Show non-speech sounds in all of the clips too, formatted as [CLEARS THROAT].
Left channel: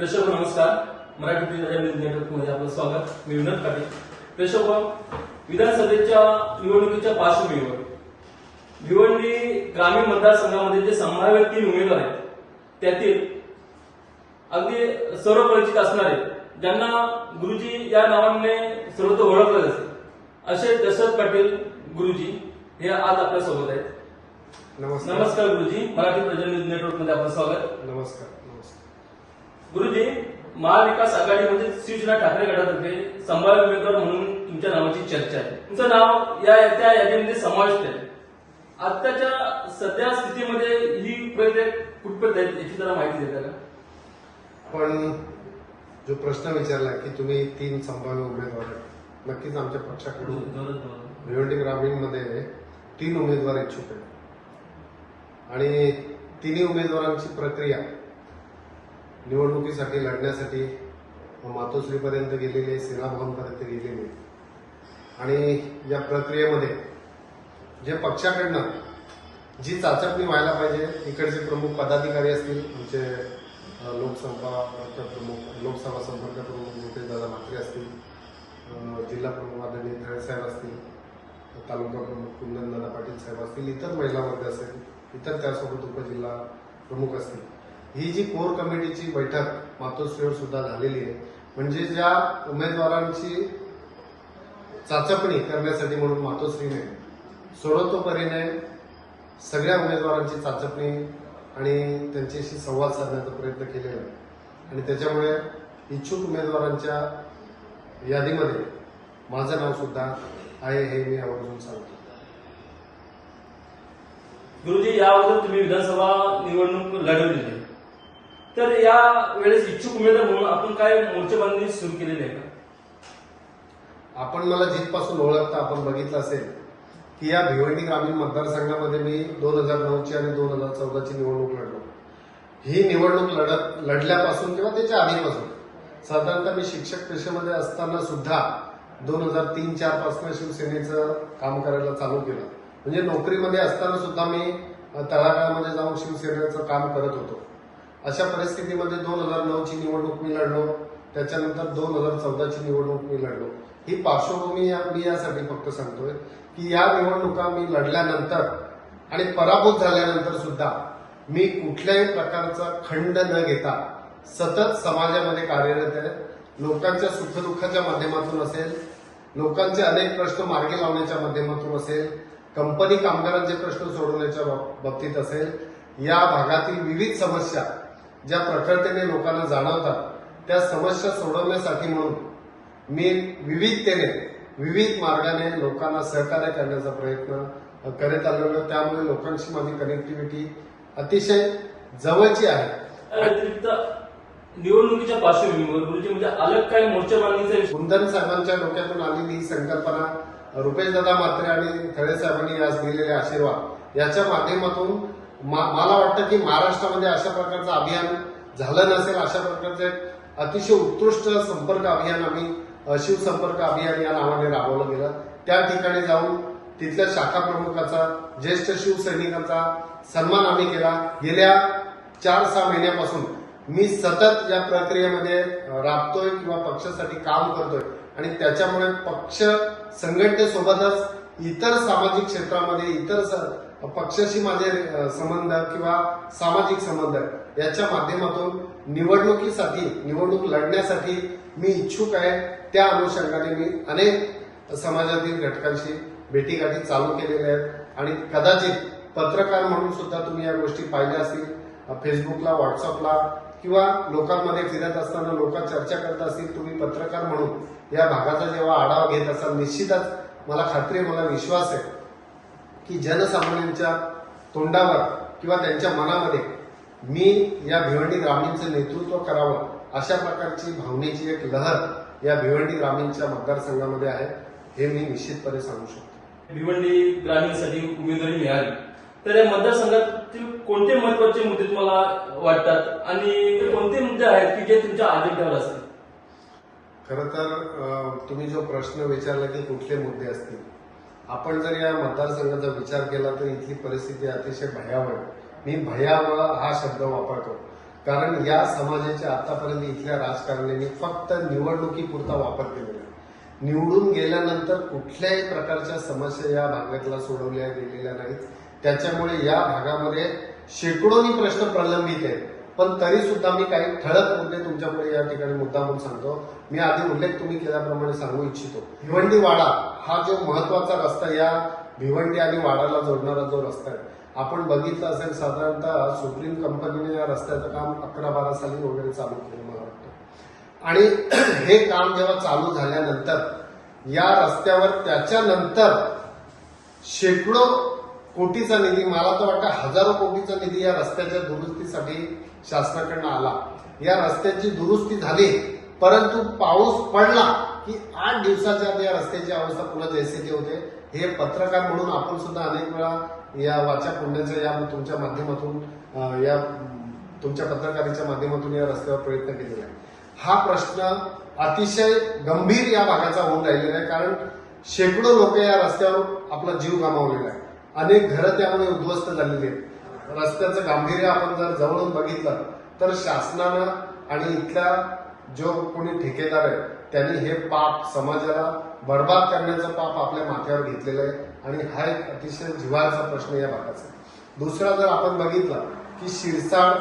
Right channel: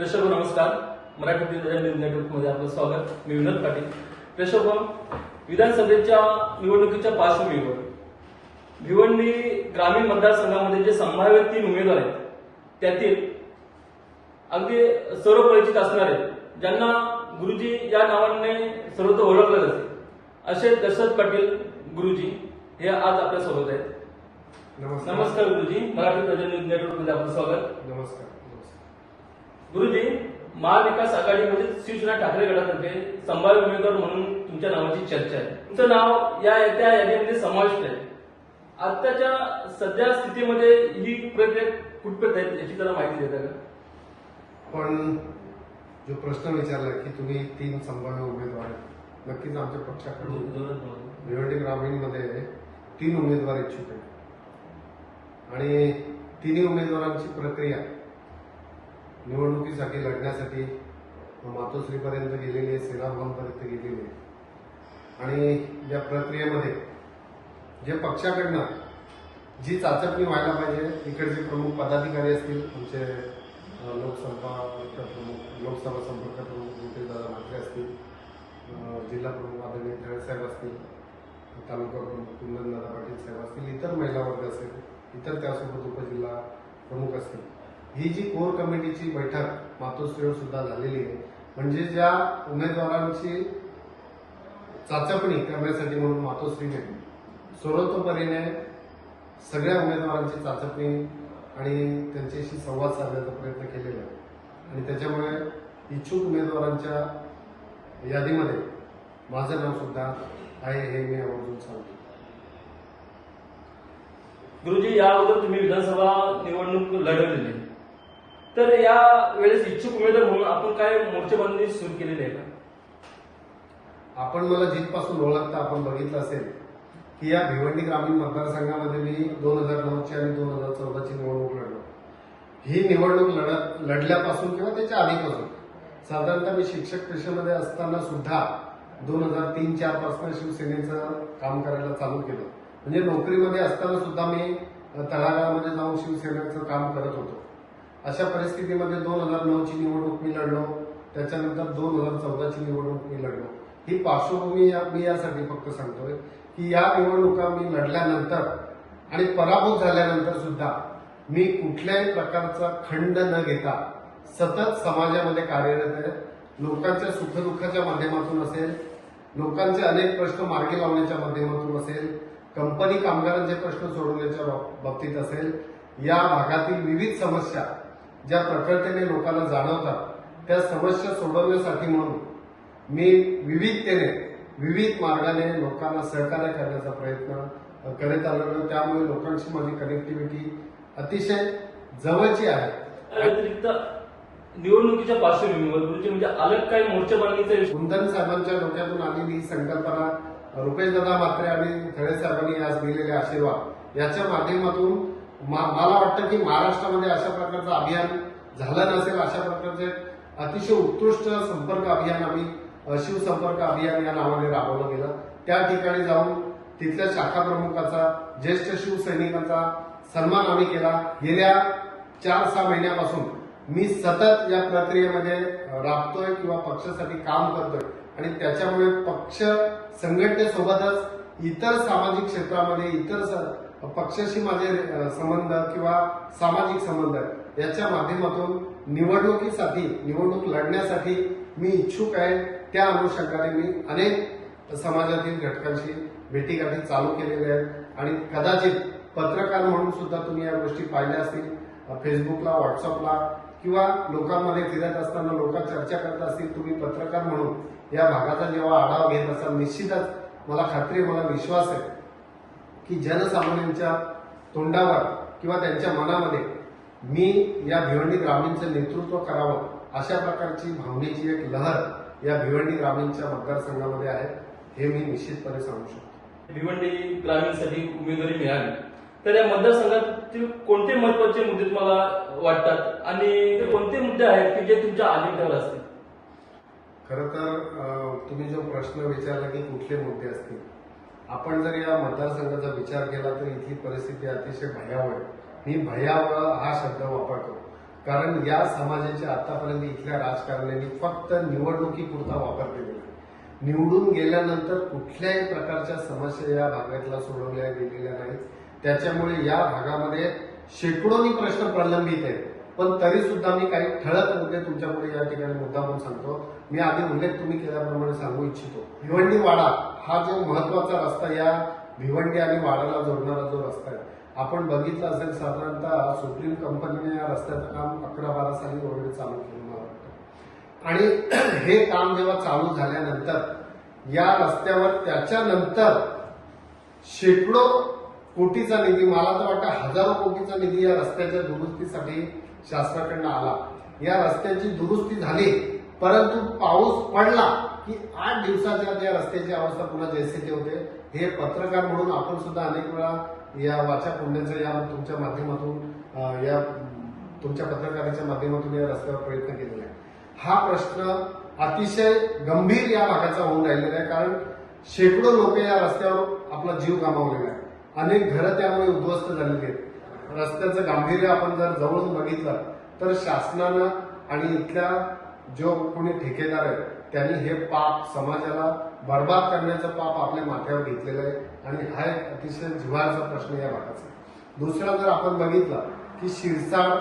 प्रेक्षक हो, नमस्कार. मराठी न्यूज नेटवर्कमध्ये आपलं स्वागत. मी विनोद पाटील. प्रेक्षक हो, विधानसभेच्या निवडणुकीच्या पार्श्वभूमीवर भिवंडी ग्रामीण मतदारसंघामध्ये जे संभाव्य तीन उमेदवार आहेत त्यातील अगदी सर्व परिचित असणारे ज्यांना गुरुजी या नावाने सर्वत्र ओळखलं जाते असे दशरथ पाटील गुरुजी हे आज आपल्यासोबत आहेत. नमस्कार. गुरुजी. मराठी प्रजा न्यूज नेटवर्कमध्ये आपलं स्वागत. नमस्कार. गुरुजी महाविकास आघाडी म्हणजे शिवसेना ठाकरे गटातर्फे संभाव्य उमेदवार म्हणून तुमच्या नावाची चर्चा आहे. तुमचं नाव या त्या यादीमध्ये समाविष्ट आहे. आताच्या सध्या स्थितीमध्ये ही प्रक्रिया कुठपर्यंत आहे याची जरा माहिती देता का? पण जो प्रश्न विचारला की तुम्ही तीन संभाव्य उमेदवार आहेत. नक्कीच आमच्या पक्षाकडून भिवंडी ग्रामीणमध्ये तीन उमेदवार इच्छुक आहेत. आणि तिन्ही उमेदवारांची प्रक्रिया निवडणुकीसाठी लढण्यासाठी मातोश्रीपर्यंत गेलेली आहे सेनाभवनपर्यंत गेलेली. आहे आणि या प्रक्रियेमध्ये जे पक्षाकडनं जी चाचपणी व्हायला पाहिजे इकडचे प्रमुख पदाधिकारी असतील आमचे लोकसभा लोकसंपर्क प्रमुख लोकसभा संपर्क प्रमुख दादा म्हात्रे असतील जिल्हा प्रमुख आदरणीय साहेब असतील तालुका प्रमुख कुंदनदादा पाटील साहेब असतील इतर महिला वर्ग असेल इतर त्यासोबत उपजिल्हा प्रमुख असतील ही जी कोर कमिटीची बैठक मातोश्रीवर सुद्धा झालेली आहे. म्हणजे ज्या उमेदवारांची चाचपणी करण्यासाठी म्हणून मातोश्रीने सर्वतोपरीने सगळ्या उमेदवारांची चाचपणी आणि त्यांच्याशी संवाद साधण्याचा प्रयत्न केलेला आहे. आणि त्याच्यामुळे इच्छुक उमेदवारांच्या यादीमध्ये माझं नाव सुद्धा आहे हे मी आवर्जून सांगतो. गुरुजी या अगोदर तुम्ही विधानसभा निवडणूक लढवलेली आहे. तर या वेळेस इच्छुक उमेदवार म्हणून आपण काय मोर्चेबंदी सुरू केलेली आहे का? आपण मला जिथपासून ओळखता आपण बघितलं असेल की या भिवंडी ग्रामीण मतदारसंघामध्ये मी दोन हजार नऊची आणि दोन हजार चौदाची निवडणूक लढलो. ही निवडणूक लढत लढल्यापासून किंवा त्याच्या आधीपासून साधारणतः मी शिक्षक पेशेमध्ये असताना सुद्धा दोन हजार तीन चारपासून शिवसेनेचं काम करायला चालू केलं. म्हणजे नोकरीमध्ये असताना सुद्धा मी तळागाळामध्ये जाऊन शिवसेनेचं काम करत होतो. अशा परिस्थितीमध्ये दोन हजार नऊची निवडणूक मी लढलो. त्याच्यानंतर दोन हजार चौदाची निवडणूक मी लढलो. ही पार्श्वभूमी मी यासाठी फक्त सांगतोय की या निवडणुका मी लढल्यानंतर आणि पराभूत झाल्यानंतर सुद्धा मी कुठल्याही प्रकारचा खंड न घेता सतत समाजामध्ये कार्यरत आहे. लोकांच्या सुखदुःखाच्या माध्यमातून असेल लोकांचे अनेक प्रश्न मार्गी लावण्याच्या माध्यमातून असेल कंपनी कामगारांचे प्रश्न सोडवण्याच्या बाब- बाबतीत असेल या भागातील विविध समस्या ज्या प्रखरतेने लोकांना जाणवतात त्या समस्या सोडवण्यासाठी म्हणून मी विविधतेने विविध मार्गाने लोकांना सहकार्य करण्याचा प्रयत्न करत आलेलो त्यामुळे लोकांशी माझी कनेक्टिव्हिटी अतिशय जवळची आहे. निवडणुकीच्या पार्श्वभूमीवर गुरुजी म्हणजे अलग काय मोर्चेबंदीचा विषय कुंदन साहेबांच्या डोक्यातून आलेली ही संकल्पना रुपेशदादा म्हात्रे आणि खळे साहेबांनी आज दिलेले आशीर्वाद याच्या माध्यमातून मला वाटतं की महाराष्ट्रामध्ये अशा प्रकारचं अभियान झालं नसेल अशा प्रकारचं एक अतिशय उत्कृष्ट संपर्क अभियान आम्ही शिवसंपर्क अभियान या नावाने राबवलं गेलं. त्या ठिकाणी जाऊन तिथल्या शाखा प्रमुखाचा ज्येष्ठ शिवसैनिकांचा सन्मान आम्ही केला. गेल्या चार सहा महिन्यापासून मी सतत या प्रक्रियेमध्ये राबतोय किंवा पक्षासाठी काम करतोय. आणि त्याच्यामुळे पक्ष संघटनेसोबतच इतर सामाजिक क्षेत्रामध्ये इतर स- पक्षाशी माझे संबंध किंवा सामाजिक संबंध याच्या माध्यमातून निवडणुकीसाठी निवडणूक लढण्यासाठी मी इच्छुक आहे. त्या अनुषंगाने मी अनेक समाजातील घटकांशी भेटीगाठी चालू केलेल्या आहेत. आणि कदाचित पत्रकार म्हणून सुद्धा तुम्ही या गोष्टी पाहिल्या असतील. फेसबुकला व्हॉट्सअपला किंवा लोकांमध्ये फिरत असताना लोक चर्चा करत असतील तुम्ही पत्रकार म्हणून या भागाचा जेव्हा आढावा घेत असाल निश्चितच मला खात्री मला विश्वास आहे की जनसामान्यांच्या तोंडावर किंवा त्यांच्या मनामध्ये मी या भिवंडी ग्रामीणचं नेतृत्व करावं अशा प्रकारची भावनेची एक लहर या भिवंडी ग्रामीणच्या मतदारसंघामध्ये आहे हे मी निश्चितपणे सांगू शकतो. भिवंडी ग्रामीणसाठी उमेदवारी मिळाली. तर या मतदारसंघातील कोणते महत्त्वाचे मुद्दे तुम्हाला वाटतात? आणि ते कोणते मुद्दे आहेत की जे तुमच्या अजेंड्यावर असतील? खरं तर तुम्ही जो प्रश्न विचारला की कुठले मुद्दे असतील? आपण जर या मतदारसंघाचा विचार केला तर इथली परिस्थिती अतिशय भयावह आहे. मी भयावह हा शब्द वापरतो. कारण या समाजाचे आतापर्यंत इथल्या राजकारण्यांनी फक्त निवडणुकीपुरता वापर केलेला आहे. निवडून गेल्यानंतर कुठल्याही प्रकारच्या समस्या या भागातल्या सोडवल्या गेलेल्या नाहीत. त्याच्यामुळे या भागामध्ये शेकडोनी प्रश्न प्रलंबित आहेत. पण तरी सुद्धा मी काही ठळक मुद्दे तुमच्यापुढे या ठिकाणी मुद्दा म्हणून सांगतो. मी आधी उल्लेख तुम्ही केल्याप्रमाणे सांगू इच्छितो. भिवंडी वाडा हा जो महत्त्वाचा रस्ता या भिवंडी आणि वाडाला जोडणारा जो रस्ता आहे. आपण बघितलं असेल साधारणतः सुप्रीम कंपनीने या रस्त्याचं काम अकरा बारा साली वगैरे चालू केलं मला वाटतं. आणि [CLEARS THROAT] हे काम जेव्हा चालू झाल्यानंतर या रस्त्यावर त्याच्यानंतर शेकडो कोटीचा निधी मला तर वाटतं हजारो कोटीचा निधी या रस्त्याच्या दुरुस्तीसाठी शासनाकडनं आला. या रस्त्याची दुरुस्ती झाली परंतु पाऊस पडला की आठ दिवसाच्या या रस्त्याची अवस्था पुन्हा जैसे ते होते. हे पत्रकार म्हणून आपण सुद्धा अनेक वेळा या वाचा पुण्याच्या या तुमच्या माध्यमातून या तुमच्या पत्रकारीच्या माध्यमातून या रस्त्यावर प्रयत्न केलेला आहे. हा प्रश्न अतिशय गंभीर या भागाचा होऊन राहिलेला आहे कारण शेकडो लोक या रस्त्यावर आपला जीव गमावलेला आहे. अनेक घरं त्यामुळे उद्ध्वस्त झालेली आहेत. रस्त्याचं गांभीर्य आपण जर जवळून बघितलं तर शासनानं आणि इथल्या जो कोणी ठेकेदार आहे त्यांनी हे पाप समाजाला बर्बाद करण्याचं पाप आपल्या माथ्यावर घेतलेलं आहे. आणि हा एक अतिशय जिव्हाळाचा प्रश्न या भागाचा दुसरा जर आपण बघितला की शिरसाड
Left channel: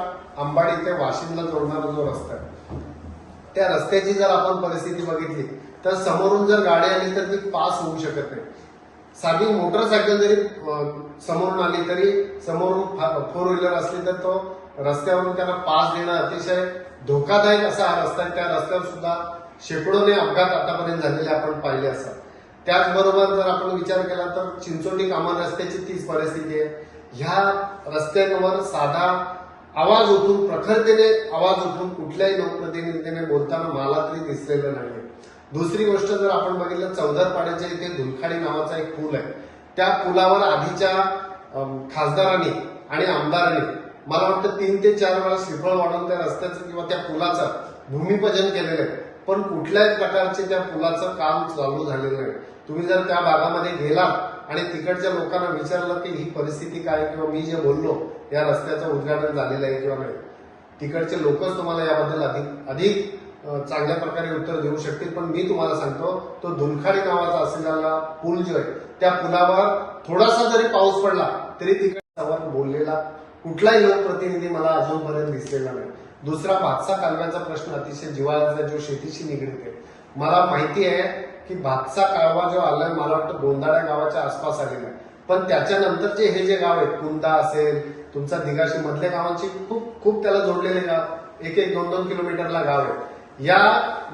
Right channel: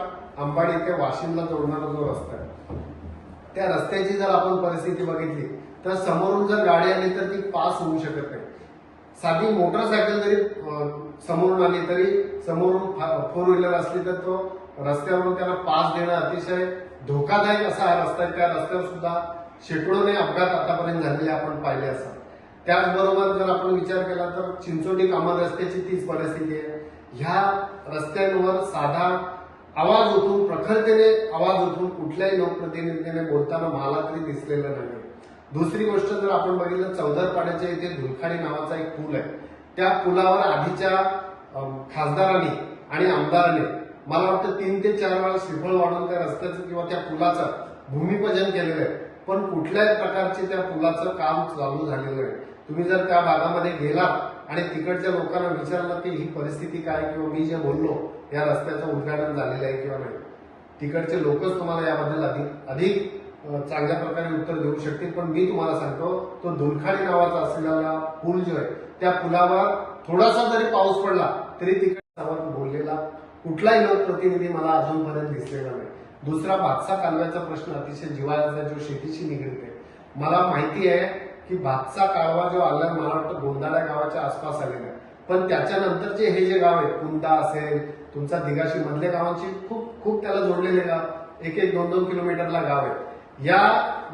अंबाडी ते वाशिमला जोडणारा जो रस्ता आहे त्या रस्त्याची जर आपण परिस्थिती बघितली तर समोरून जर गाडी आली तर ती पास होऊ शकत नाही. साधी मोटरसायकल जरी समोरून आली तरी समोरून फोर व्हीलर असली तर तो रस्त्यावरून त्यांना पास देणं अतिशय धोकादायक असा हा रस्ता आहे. त्या रस्त्यावर सुद्धा शेकडोने अपघात आतापर्यंत झालेले आपण पाहिले असतात. त्याचबरोबर जर आपण विचार केला तर चिंचोटी कामन रस्त्याची तीच परिस्थिती आहे. ह्या रस्त्यांवर साधा आवाज उठून प्रखरतेने आवाज उठून कुठल्याही लोकप्रतिनिधीने बोलताना मला तरी दिसलेलं नाही दुसरी गोष्ट जर आपण बघितलं चौदरपाड्याच्या इथे धुलखाडी नावाचा एक पूल आहे. त्या पुलावर आधीच्या खासदारांनी आणि आमदारांनी मला वाटतं तीन ते चार वेळा श्रीफळ वाढवून त्या रस्त्याचं किंवा त्या पुलाचं भूमिपूजन केलेलं आहे. पण कुठल्याही प्रकारचे त्या पुलाचं काम चालू झालेलं नाही. तुम्ही जर त्या भागामध्ये गेलात आणि तिकडच्या लोकांना विचारलं की ही परिस्थिती काय किंवा मी जे बोललो या रस्त्याचं उद्घाटन झालेलं आहे किंवा नाही तिकडचे लोकच तुम्हाला याबद्दल अधिक अधिक चांगल्या प्रकारे उत्तर देऊ शकते. पण मी तुम्हाला सांगतो तो दुलखाडी नावाचा असलेला पूल जो आहे त्या पुलावर थोडासा जरी पाऊस पडला तरी तिकडे बोललेला कुठलाही लोकप्रतिनिधी मला अजूनपर्यंत दिसलेला नाही. दुसरा भातसा कालव्याचा प्रश्न अतिशय जिवाळ्याचा जो शेतीशी निगडीत आहे. मला माहिती आहे की भातसा कालवा जो आलाय मला वाटतं गोंदाड्या गावाच्या आसपास आलेला आहे. पण त्याच्यानंतरचे हे जे गाव आहेत कुंदा असेल तुमचा दिगाशी मधल्या गावांची खूप खूप त्याला जोडलेले गाव एक एक दोन दोन किलोमीटरला गाव आहे. या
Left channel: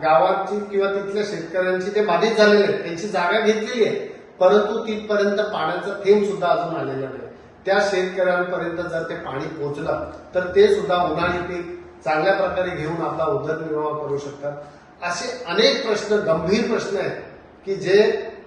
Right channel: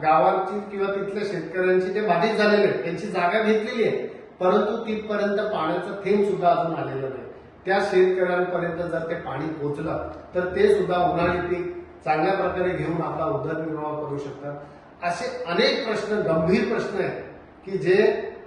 गावाची किंवा तिथल्या शेतकऱ्यांची ते बाधित झालेले आहेत त्यांची जागा घेतलेली आहे परंतु तिथपर्यंत पाण्याचा थेंब सुद्धा अजून आलेलं नाही. त्या शेतकऱ्यांपर्यंत जर ते पाणी पोहोचलं तर ते सुद्धा उन्हाळी पीक चांगल्या प्रकारे घेऊन आपला उदरनिर्वाह करू शकतात. असे अनेक प्रश्न गंभीर प्रश्न आहेत की जे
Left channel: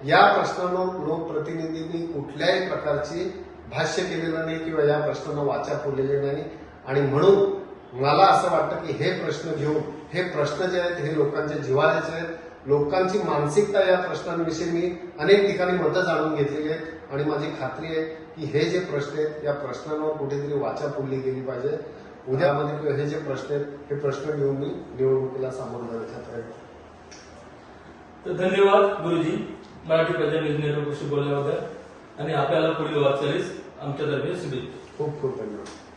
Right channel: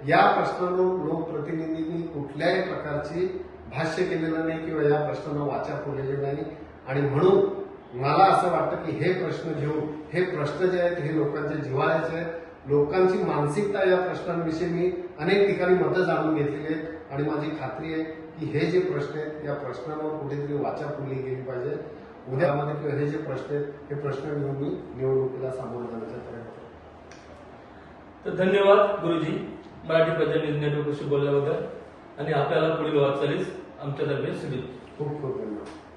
या प्रश्नांना लोकप्रतिनिधींनी कुठल्याही प्रकारची भाष्य केलेलं नाही किंवा या प्रश्नांना वाचा फोडलेले नाही. आणि म्हणून मला असं वाटतं की हे प्रश्न घेऊन हे प्रश्न जे आहेत हे लोकांच्या जिव्हाळ्याचे आहेत. लोकांची मानसिकता या प्रश्नांविषयी मी अनेक ठिकाणी मतं जाणून घेतलेली आहेत. आणि माझी खात्री आहे की हे जे प्रश्न आहेत या प्रश्नांवर कुठेतरी वाचा फुलली गेली पाहिजे. उद्यामध्ये हे जे प्रश्न आहेत हे प्रश्न घेऊन मी निवडणुकीला सामोरं जाण्याचा प्रयत्न. तर धन्यवाद गुरुजी मराठी प्रजा नेटवर्कशी बोलल्याबद्दल. आणि आपल्याला पुढील वाटचालीस आमच्यातर्फे शुभेच्छा. खूप खूप धन्यवाद.